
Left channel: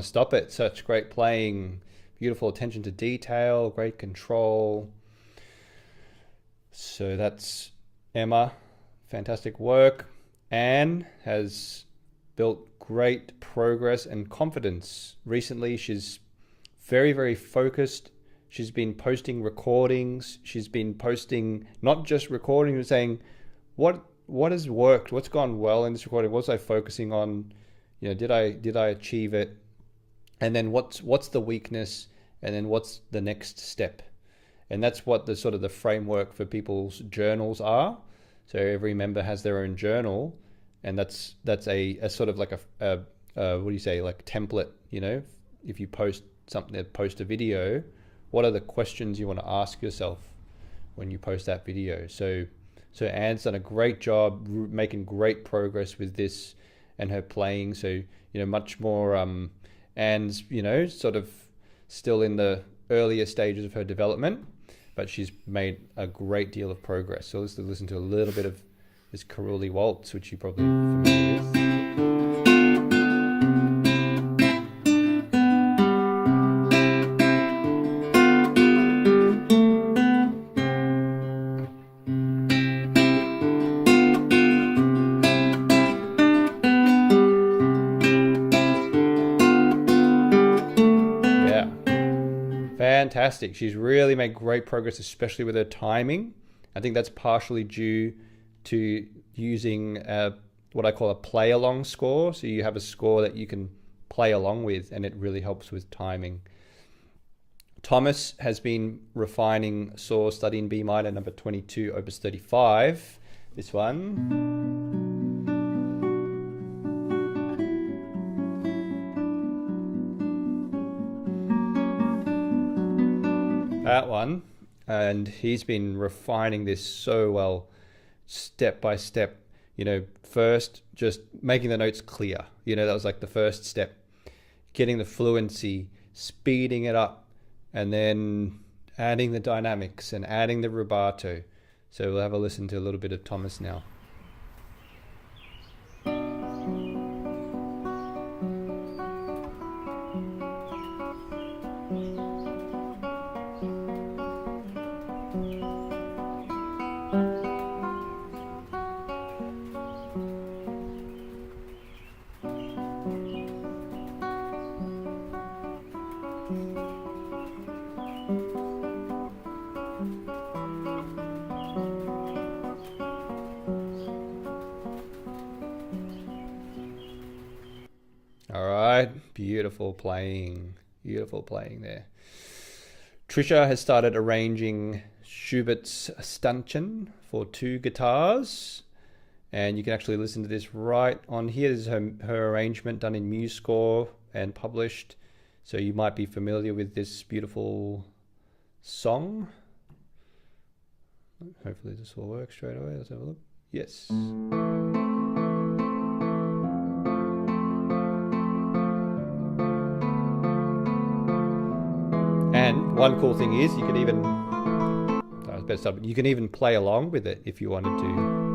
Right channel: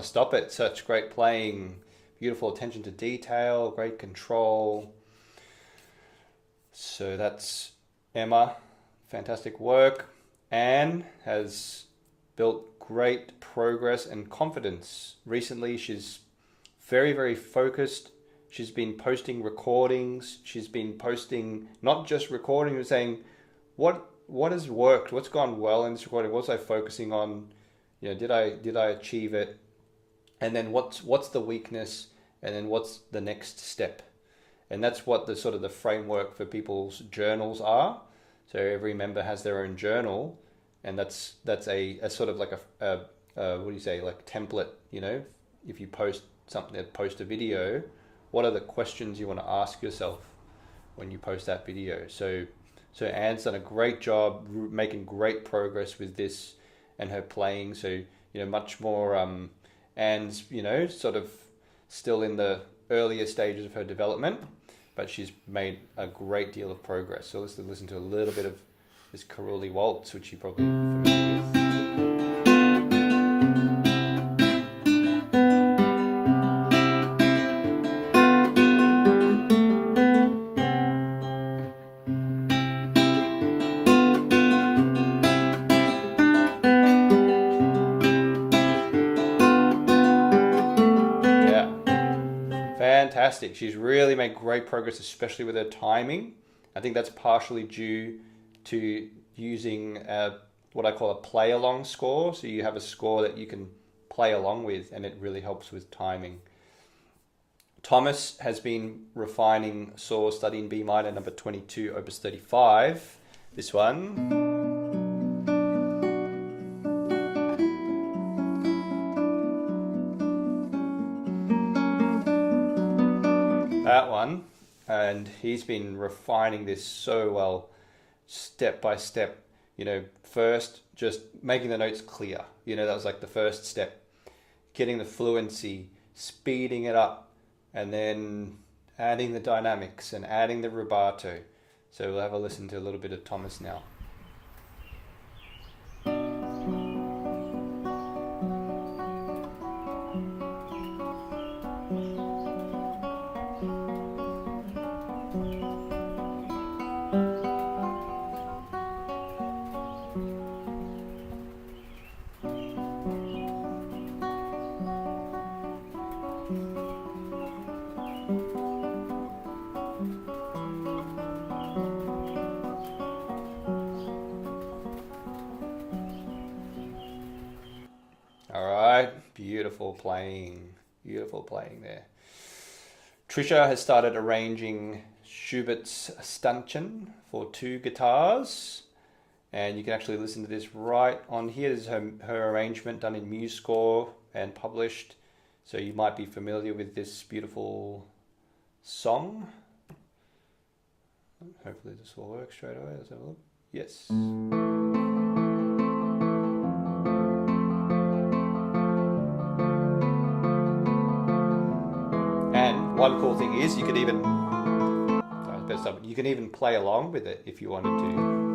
Stop it. Such great playing, beautiful attention to detail, great control. So that's Emma, fantastic work. Anne has built great progress and confidence. Recently, she's very, very focused. She's been posting recordings. She's been posting not just recordings, but saying what has worked, what's gone well in this recording, what was I focusing on, did I achieve it? And then what's the weakness, and then what's the next step? And that's what the sort of the framework for people's journals are. So every member has their own journal, and that's a sort of like a what do you say, like template, you know, if you post something, post a video, what are the questions you want to ask yourself when you post that video? So Anne's done a great job making great progress with this and her playing. So, you know, much more, Anne's, you know, sort of still in the earlier stages of her development, but she's made a great deal of progress. So let's listen to a little bit of this Caruli Waltz, which you probably familiar with. Fantastic. She's really made great progress, especially with her timing. I think that's partially due to using what I call a play along score. So you have a score that you can play along with, and it really helps with timing. Thomas has been refining saw studying B minor number 22, opus 35. This one. That one, and he's been refining this so well, step by step. You know, first just making the notes clear, you know, that was like the first step, getting the fluency, speeding it up, and then adding the dynamics and adding the rubato. So we'll have a listen to a little bit of Thomas now. Beautiful playing there. Trisha has started arranging Schubert's Stanchen for 2 guitars, and you can actually listen to this right on here. This is her arrangement done in MuseScore and published, so you might be familiar with this beautiful song. Hopefully this will work straight away. Let's have a look. Yes. One cool thing is you could even you can even play along with it if you wanted to.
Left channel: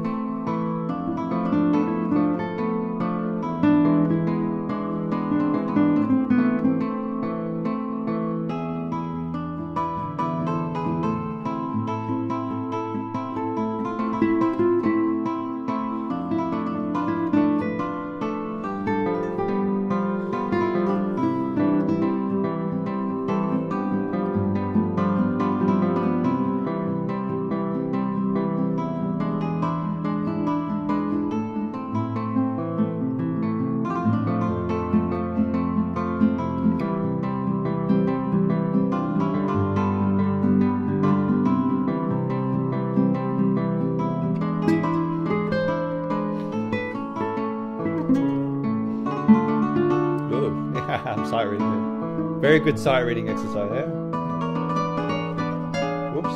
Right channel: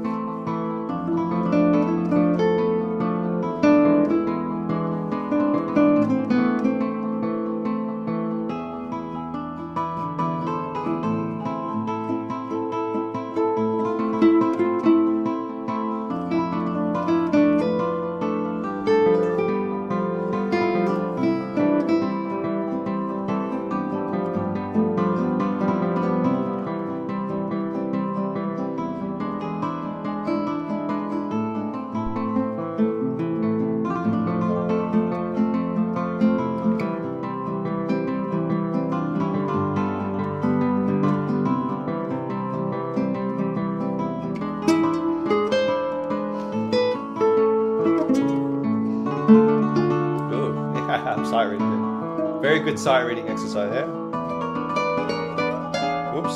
Very good sight reading exercise there. Whoops.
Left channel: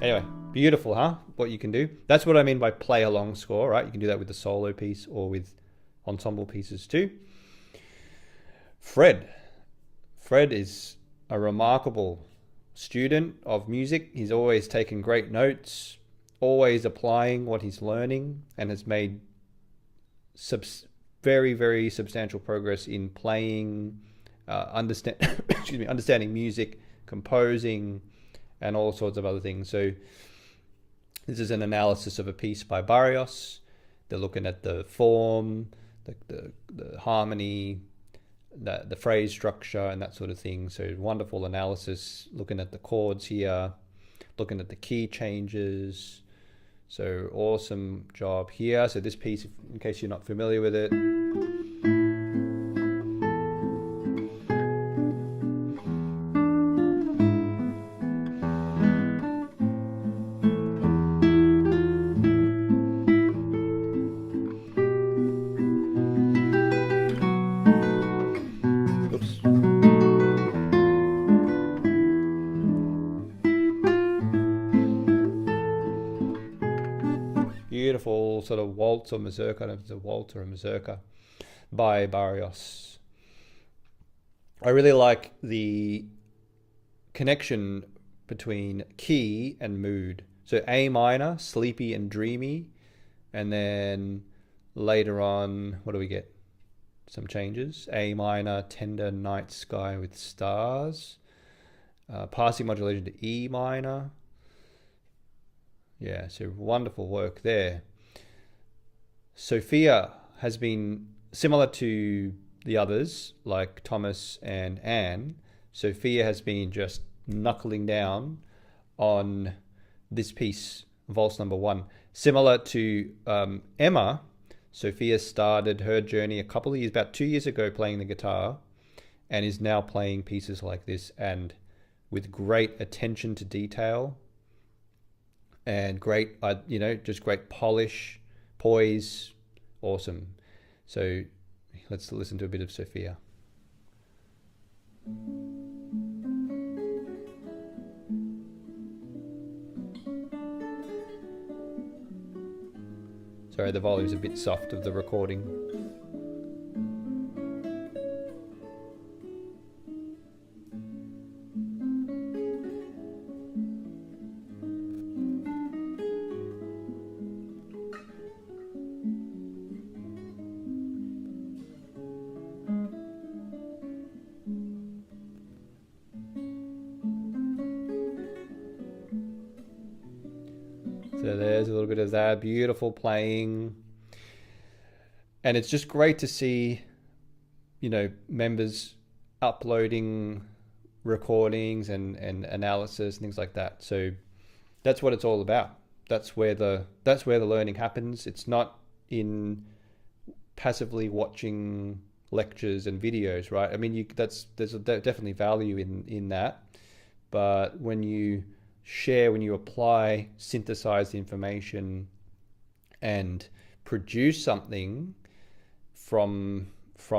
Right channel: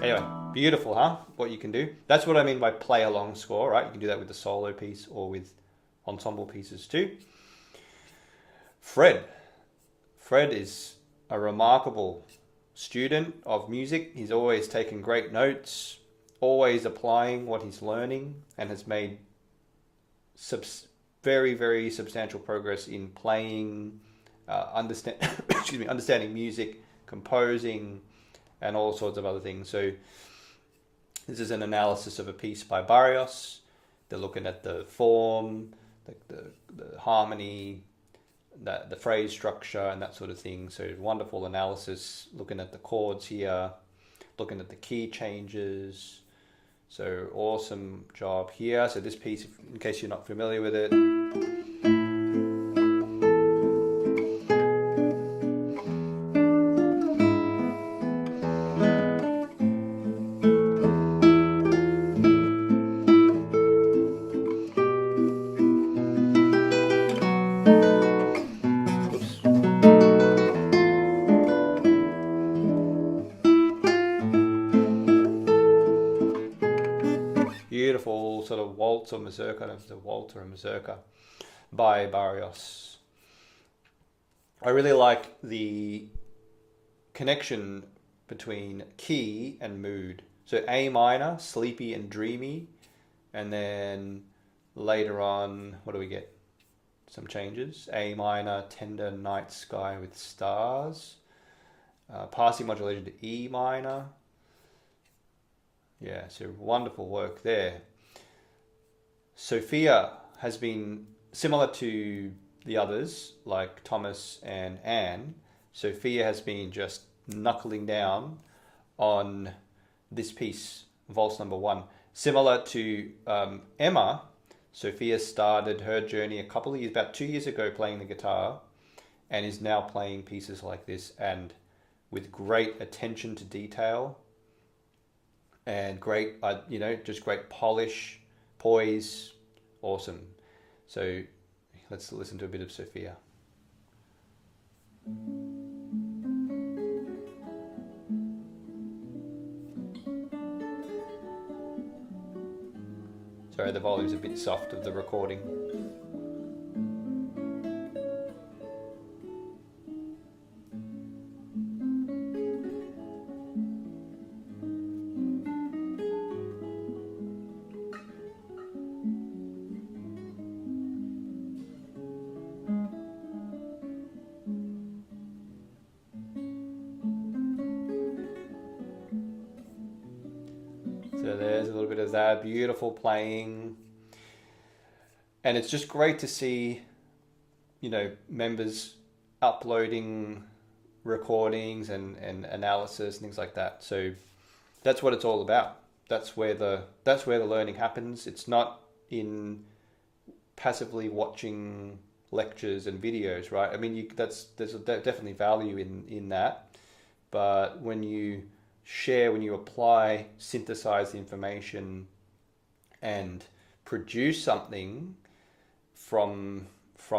Anyway, beautiful, huh? What you can do. That's what I mean by play along score, right? You can do that with the solo piece or with ensemble pieces too. Fred is a remarkable student of music. He's always taken great notes, always applying what he's learning, and has made very, very substantial progress in playing, understanding music, composing, and all sorts of other things. So this is an analysis of a piece by Barrios. They're looking at the form, the harmony, the phrase structure, and that sort of thing. So wonderful analysis, looking at the chords here, looking at the key changes. So awesome job here. So this piece, in case you're not familiar with it, beautiful sort of waltz or mazurka, it's a waltz or a mazurka by Barrios. I really like the connection between key and mood. So A minor, sleepy and dreamy, and then later on, what do we get? Some changes. A minor, tender night sky with stars. Passing modulation to E minor. Yeah, so wonderful work there. Sophia has been similar to the others, like Thomas and Anne. Sophia has been just knuckling down on this piece, Valse number 1. Similar to Emma, Sophia started her journey a couple of years, about 2 years ago, playing the guitar, and is now playing pieces like this, and with great attention to detail and great, just great polish, poise, awesome. So let's listen to a bit of Sophia. Sorry, the volume's a bit soft of the recording. So there's a little bit of that beautiful playing, and it's just great to see, members uploading recordings and analysis and things like that. So that's what it's all about. That's where the learning happens. It's not in passively watching lectures and videos, right? I mean, there's definitely value in that, but when you share, when you apply, synthesize the information and produce something from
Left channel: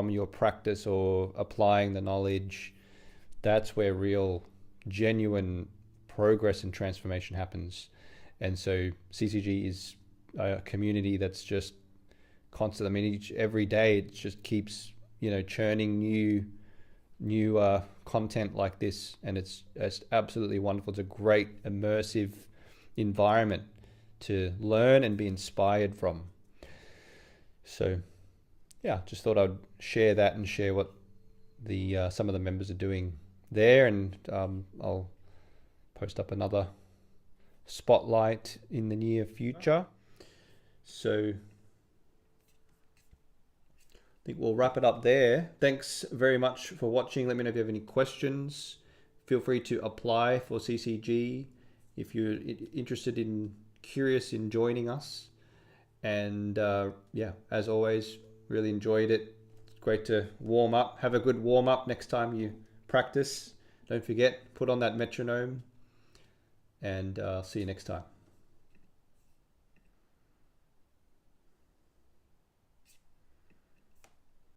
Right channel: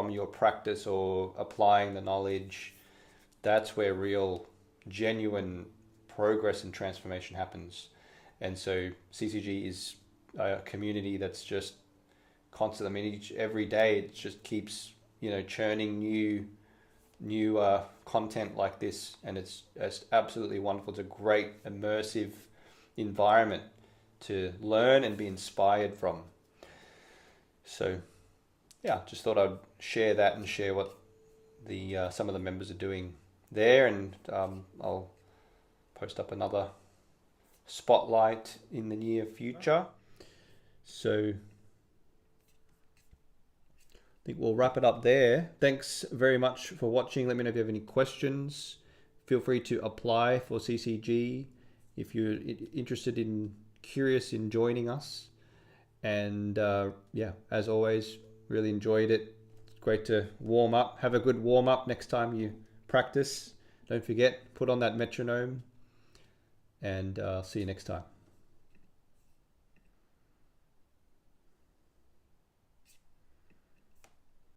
your practice or applying the knowledge, that's where real, genuine progress and transformation happens. And so CCG is a community that's just constant. I mean, every day it just keeps, churning new content like this, and it's absolutely wonderful. It's a great immersive environment to learn and be inspired from. So yeah, just thought I'd share that and share what the some of the members are doing there, and I'll post up another spotlight in the near future. So I think we'll wrap it up there. Thanks very much for watching. Let me know if you have any questions. Feel free to apply for CCG if you're interested curious in joining us. And yeah, as always, really enjoyed it. Great to warm up. Have a good warm up next time you practice. Don't forget, put on that metronome, and see you next time.